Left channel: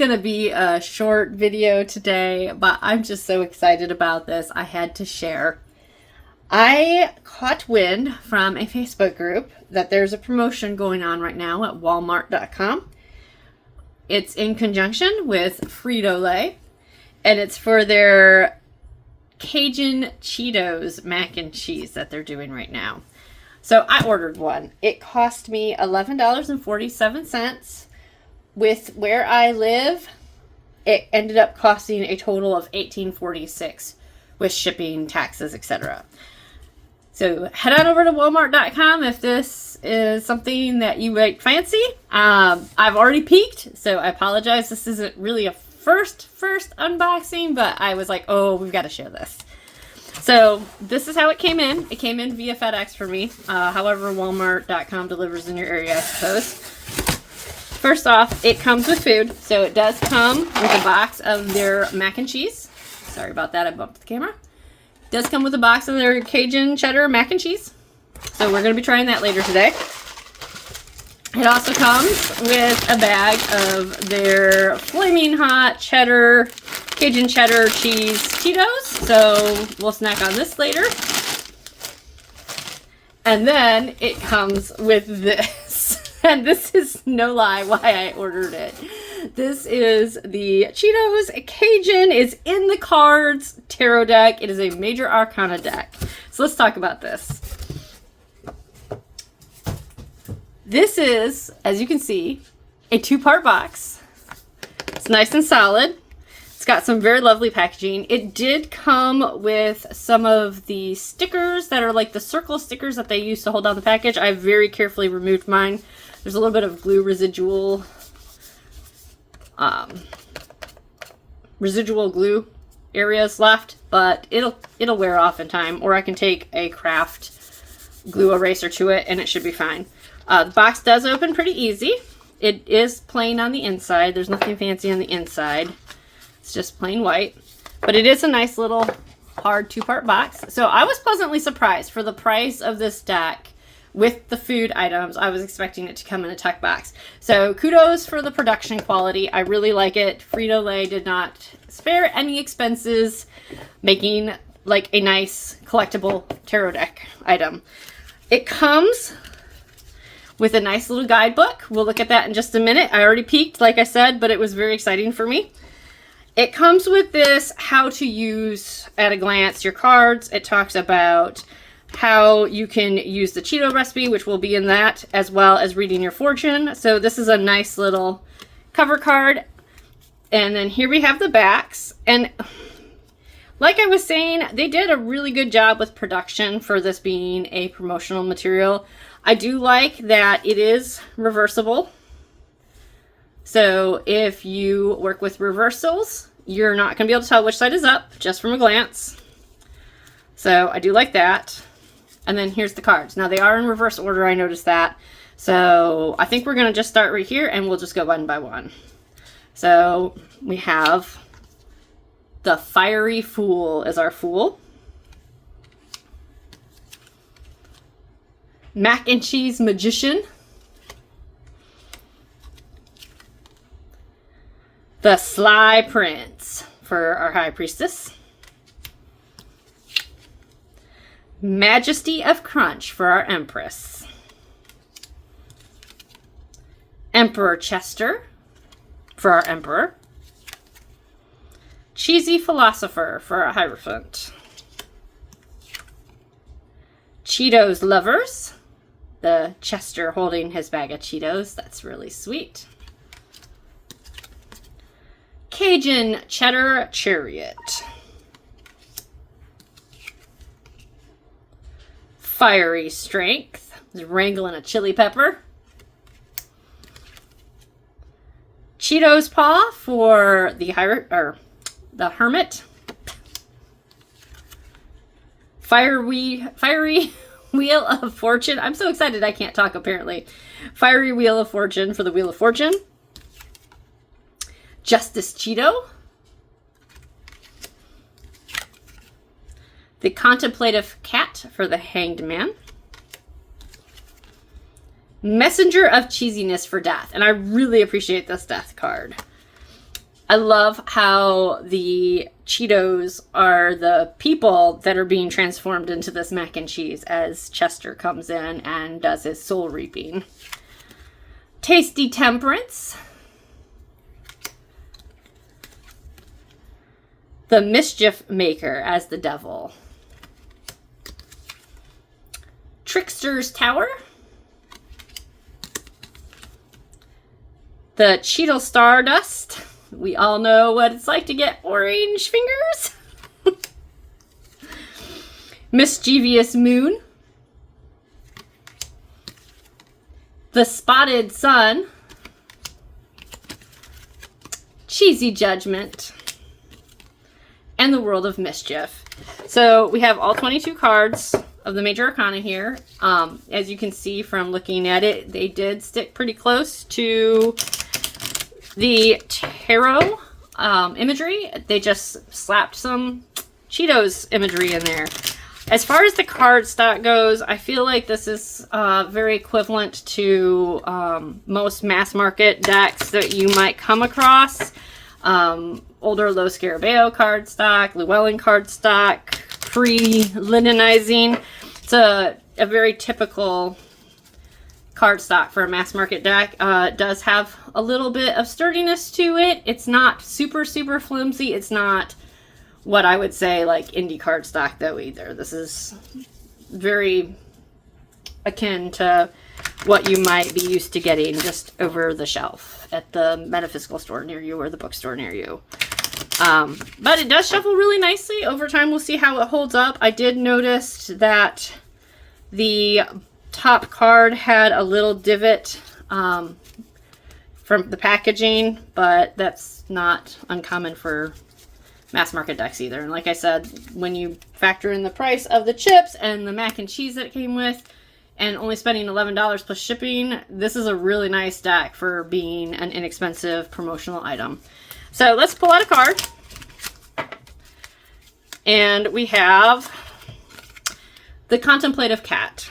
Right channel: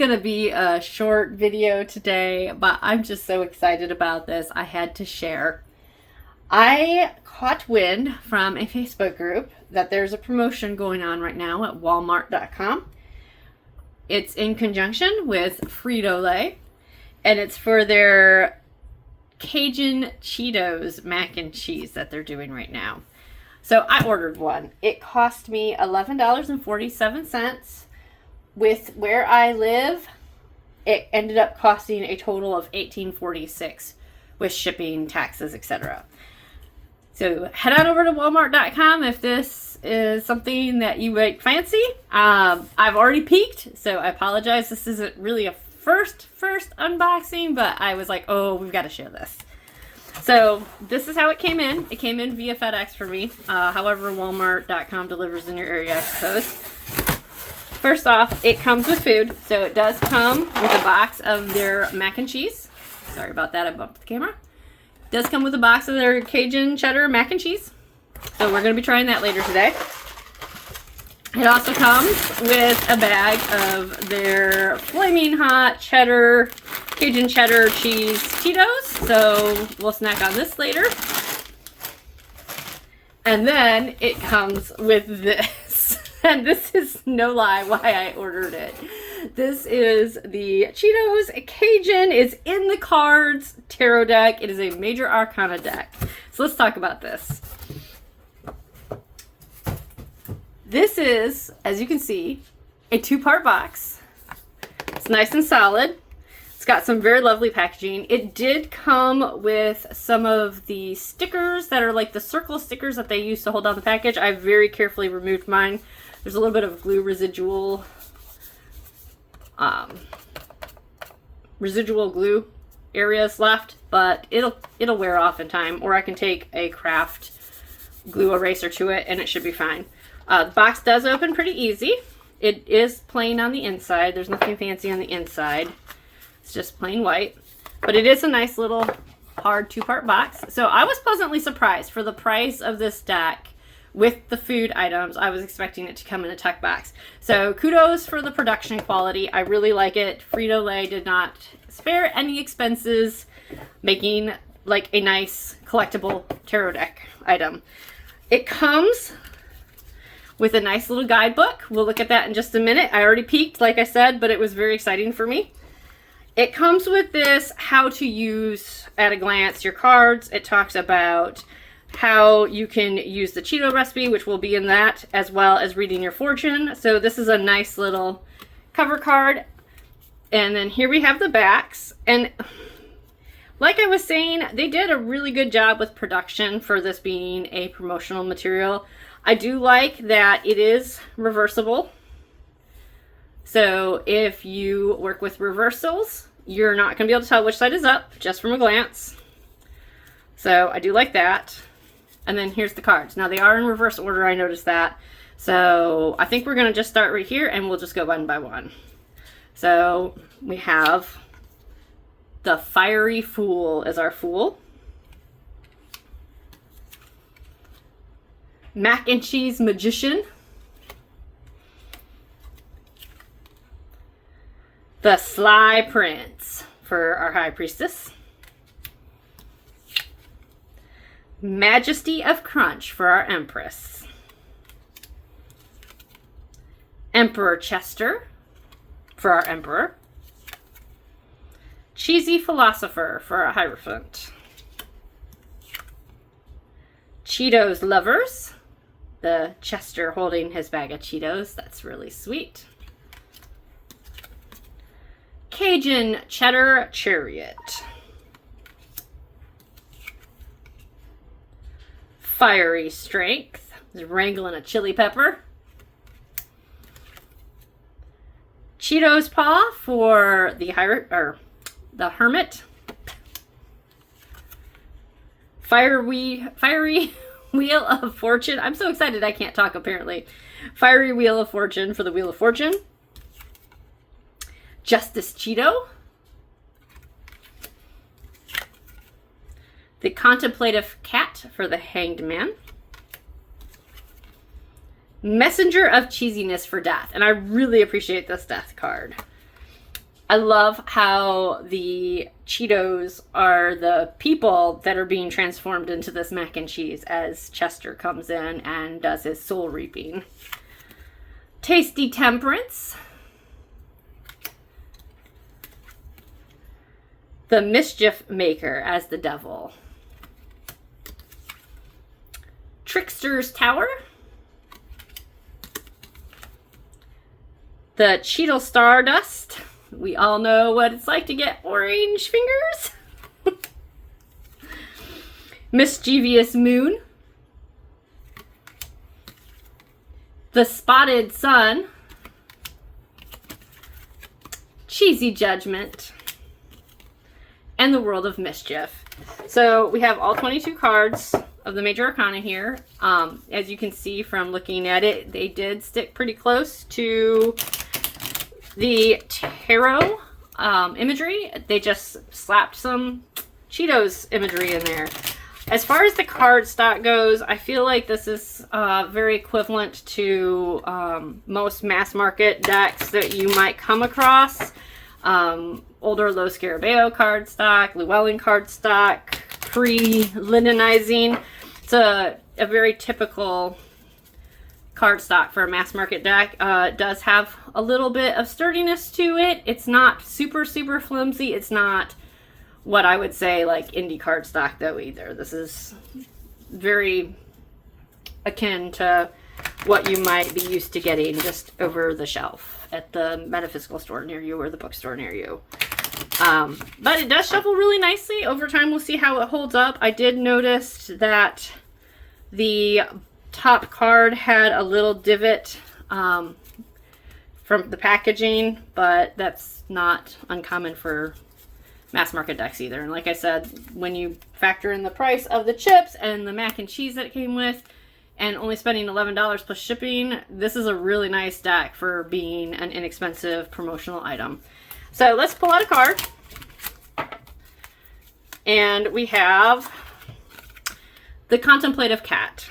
going to be a short video today, but I'm just so excited about this. I had to share. I caught wind from a Facebook group that there's a promotion going on right now at Walmart.com. It's in conjunction with Frito-Lay, and it's for their Cajun Cheetos mac and cheese that they're doing right now. So I ordered one. It cost me $11.47. With where I live, it ended up costing a total of $18.46 with shipping, taxes, etc. So head on over to Walmart.com if this is something that you might fancy. I've already peeked, so I apologize. This isn't really a first unboxing, but I was like, oh, we've got to share this. So this is how it came in. It came in via FedEx for me. However, Walmart.com delivers in your area, I suppose. First off, it comes with food. So it does come with a box of their mac and cheese. Sorry about that, I bumped the camera. It does come with a box of their Cajun cheddar mac and cheese. So we're going to be trying that later today. It also comes with a bag of their flaming hot cheddar, Cajun cheddar cheese Cheetos. So we'll snack on this later. And then it comes with this. And this is no lie why I ordered it. This is the Cheetos Cajun. It's in the cards tarot deck. It is a Major Arcana deck. So let's talk about this. This is, as you can see, a two-part box. It's nice and solid. It's got some very lovely packaging. It did come with some of the stickers that are like the circle stickers that they use to hold down the package. I very carefully removed mine. There's a little bit of glue residual glue areas left, but it'll wear off in time, or I can take a craft glue eraser to it and it should be fine. The box does open pretty easy. It is plain on the inside. There's nothing fancy on the inside. It's just plain white, but it is a nice little hard two-part box. So I was pleasantly surprised for the price of this deck. With the food items, I was expecting it to come in a tuck box. So kudos for the production quality. I really like it. Frito-Lay did not spare any expenses making like a nice collectible tarot deck item. It comes with a nice little guidebook. We'll look at that in just a minute. I already peeked, like I said, but it was very exciting for me. It comes with this how to use at a glance your cards. It talks about how you can use the Cheeto recipe, which will be in that, as well as reading your fortune. So this is a nice little cover card. And then here we have the backs. And like I was saying, they did a really good job with production for this being a promotional material. I do like that it is reversible. So if you work with reversals, you're not going to be able to tell which side is up just from a glance. So I do like that. And then here's the cards. Now they are in reverse order, I noticed that. So I think we're going to just start right here and we'll just go one by one. So we have the Fiery Fool as our Fool. Mac and Cheese Magician. The Sly Prince for our High Priestess. Majesty of Crunch for our Empress. Emperor Chester for our Emperor. Cheesy Philosopher for our Hierophant. Cheetos Lovers. The Chester holding his bag of Cheetos. That's really sweet. Cajun Cheddar Chariot. Fiery Strength. He's wrangling a chili pepper. Cheetos Paw for the Hermit. Fiery Wheel of Fortune. I'm so excited I can't talk apparently. Fiery Wheel of Fortune for the Wheel of Fortune. Justice Cheeto. The Contemplative Cat for the Hanged Man. Messenger of Cheesiness for Death. And I really appreciate this death card. I love how the Cheetos are the people that are being transformed into this mac and cheese as Chester comes in and does his soul reaping. Tasty Temperance. The Mischief Maker as the devil. Trickster's Tower. The Cheeto Stardust. We all know what it's like to get orange fingers. Mischievous Moon. The Spotted Sun. Cheesy Judgment. And the World of Mischief. So we have all 22 cards of the Major Arcana here. As you can see from looking at it, they did stick pretty close to the tarot imagery. They just slapped some Cheetos imagery in there. As far as the card stock goes, I feel like this is very equivalent to most mass market decks that you might come across. Older Low Scarabeo card stock, Llewellyn card stock, pre-Lindenizing. It's a very typical card stock for a mass market deck. It does have a little bit of sturdiness to it. It's not super flimsy. It's not what I would say like indie card stock though either. This is very akin to what you might be used to getting just over the shelf at the metaphysical store near you or the bookstore near you. But it does shuffle really nicely. Over time, we'll see how it holds up. I did notice that the top card had a little divot from the packaging, but that's not uncommon for mass market decks either. And like I said, when you factor in the price of the chips and the mac and cheese that it came with, and only spending $11 plus shipping, this is a really nice deck for being an inexpensive promotional item. So let's pull out a card. And we have the Contemplative Cat.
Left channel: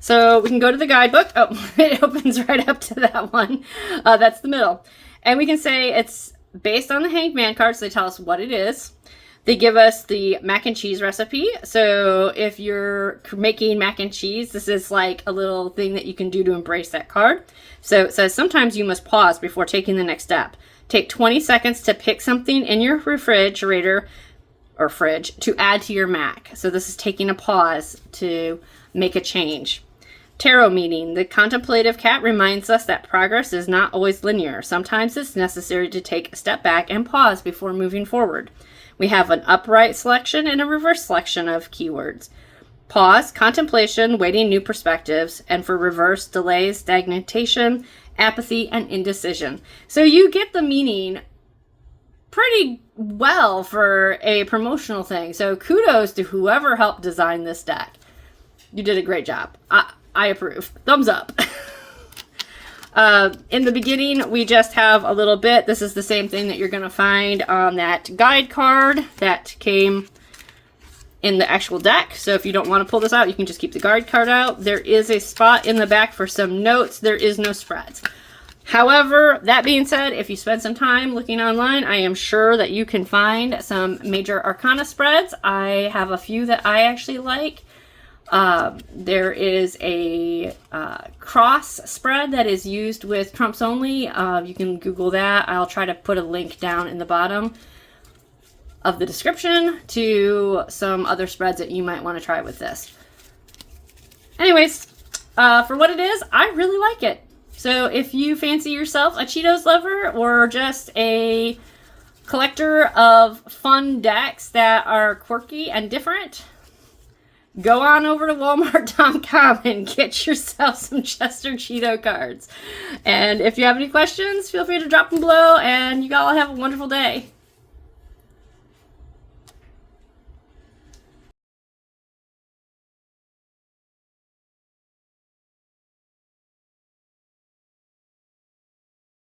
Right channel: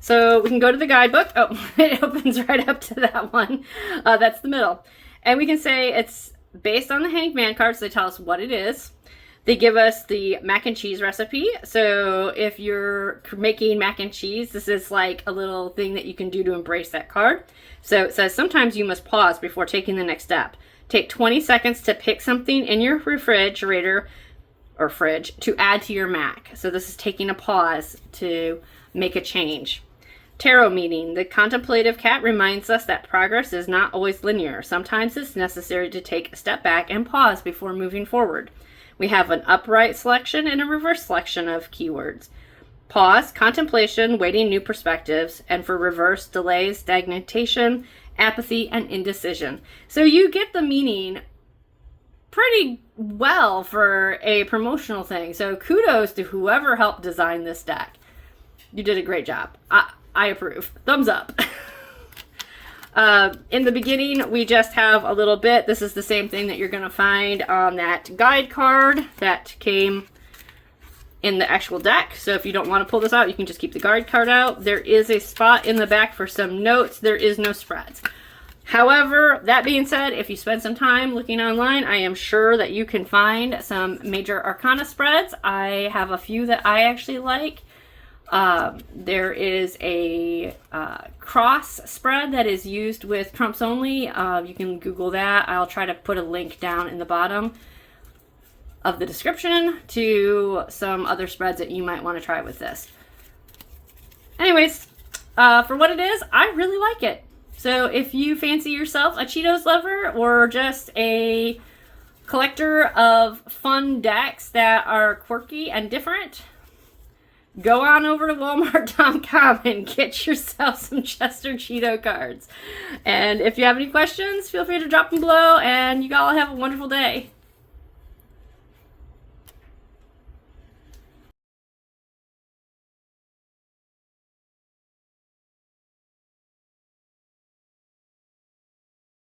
So we can go to the guidebook. Oh, it opens right up to that one. That's the middle. And we can say it's based on the Hanged Man cards. They tell us what it is. They give us the mac and cheese recipe. So if you're making mac and cheese, this is like a little thing that you can do to embrace that card. So it says sometimes you must pause before taking the next step. Take 20 seconds to pick something in your refrigerator or fridge to add to your mac. So this is taking a pause to make a change. Tarot meeting. The Contemplative Cat reminds us that progress is not always linear. Sometimes it's necessary to take a step back and pause before moving forward. We have an upright selection and a reverse selection of keywords. Pause, contemplation, waiting new perspectives, and for reverse, delays, stagnation, apathy, and indecision. So you get the meaning pretty well for a promotional thing. So kudos to whoever helped design this deck. You did a great job. I approve. Thumbs up. In the beginning, we just have a little bit. This is the same thing that you're going to find on that guide card that came in the actual deck. So if you don't want to pull this out, you can just keep the guide card out. There is a spot in the back for some notes. There is no spreads. However, that being said, if you spend some time looking online, I am sure that you can find some Major Arcana spreads. I have a few that I actually like. There is a cross spread that is used with Trumps Only. You can Google that. I'll try to put a link down in the bottom of the description to some other spreads that you might want to try with this. Anyways, for what it is, I really like it. So if you fancy yourself a Cheetos lover or just a collector of fun decks that are quirky and different, go on over to Walmart.com and get yourself some Chester Cheeto cards. And if you have any questions, feel free to drop them below, and you all have a wonderful day.